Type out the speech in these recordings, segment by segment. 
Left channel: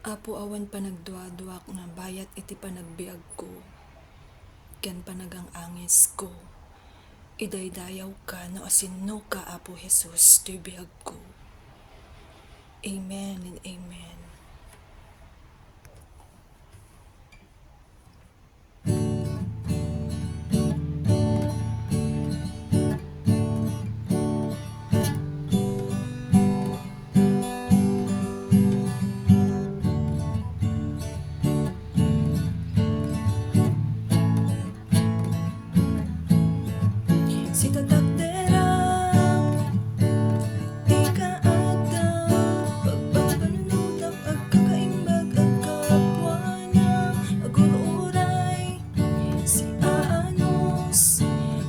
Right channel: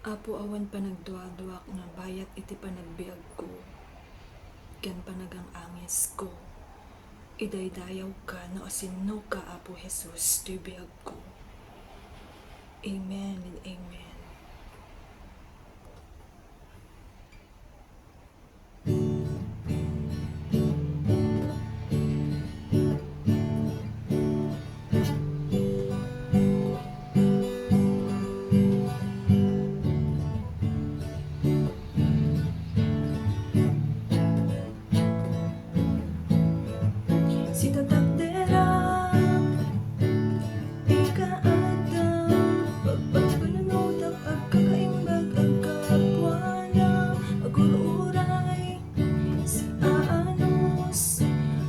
Apo awan panagduwa-duwak na bayat iti panagbiag ko. Ken panagang angis ko. Idaydayaw ka no asinno ka, Apo Jesus, to'y biag ko. Amen and amen. Si tatakderang ikaadang pagpapanunod ang agkakaimbag ang kapwanang aguluray si Anos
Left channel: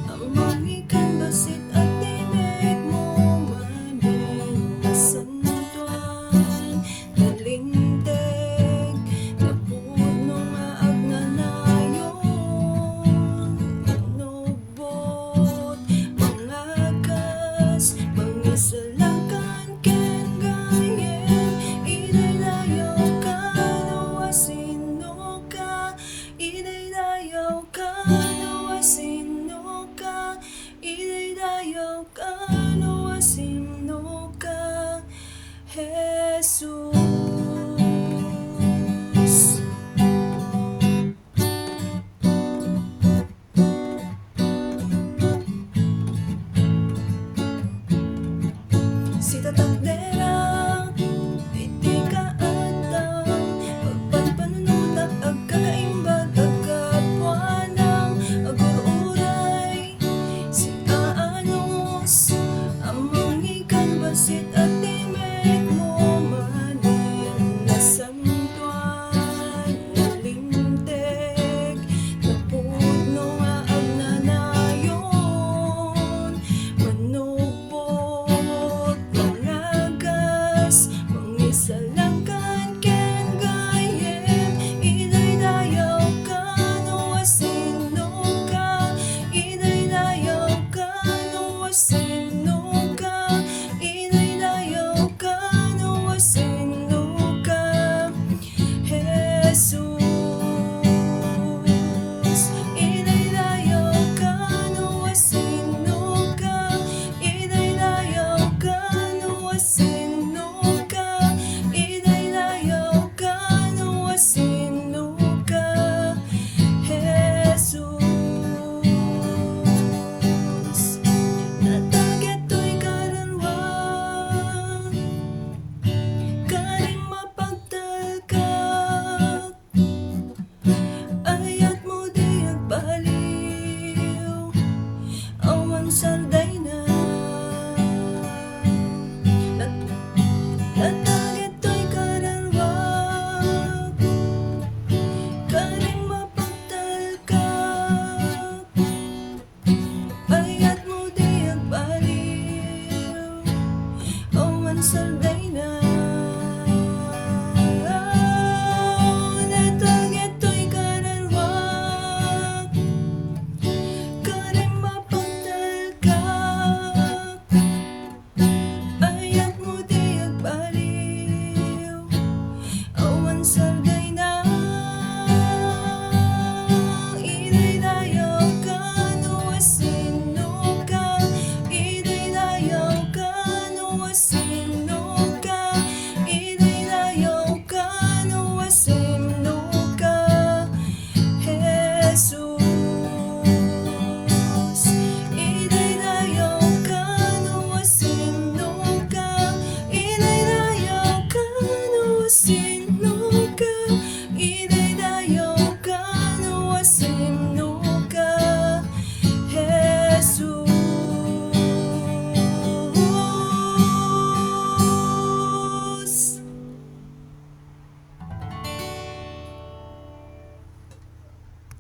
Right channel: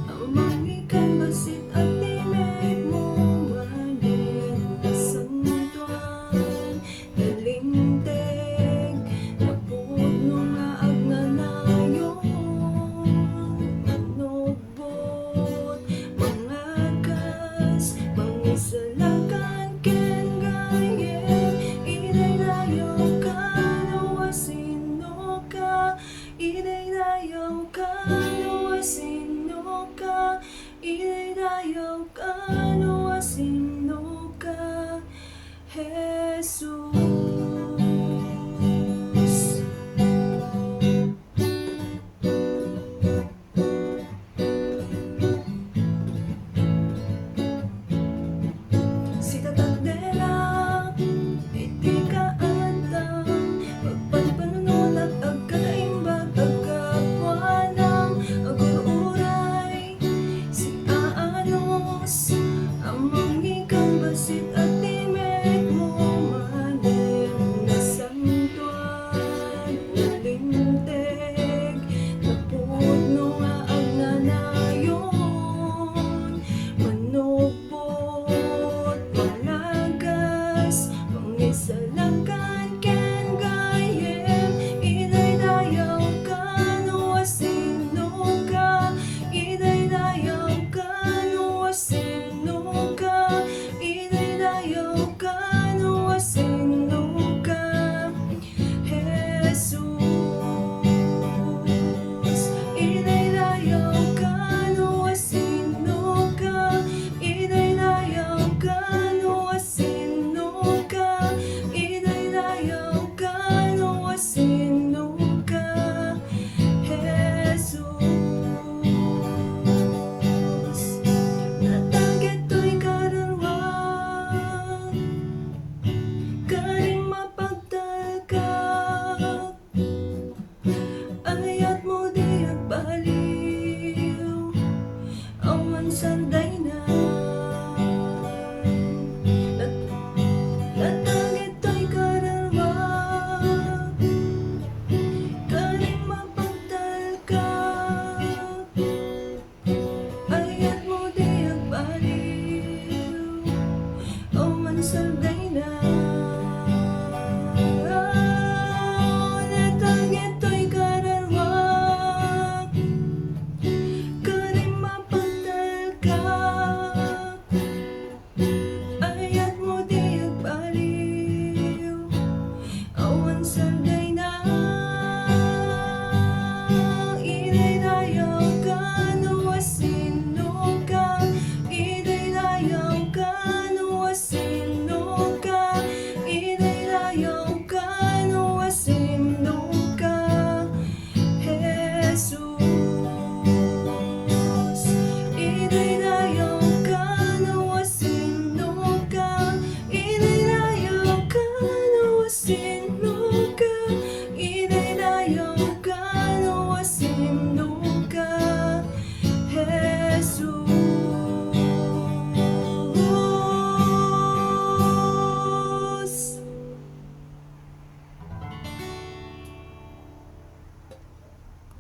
ang umangikan basit at tinig mo maning santuan nalinteg napod mo nga agnanayon manubot mangagas mangisalakan ken gayem idaydayaw ka no asino ka idaydayaw ka no asino ka idaydayaw ka no asino ka Jesus.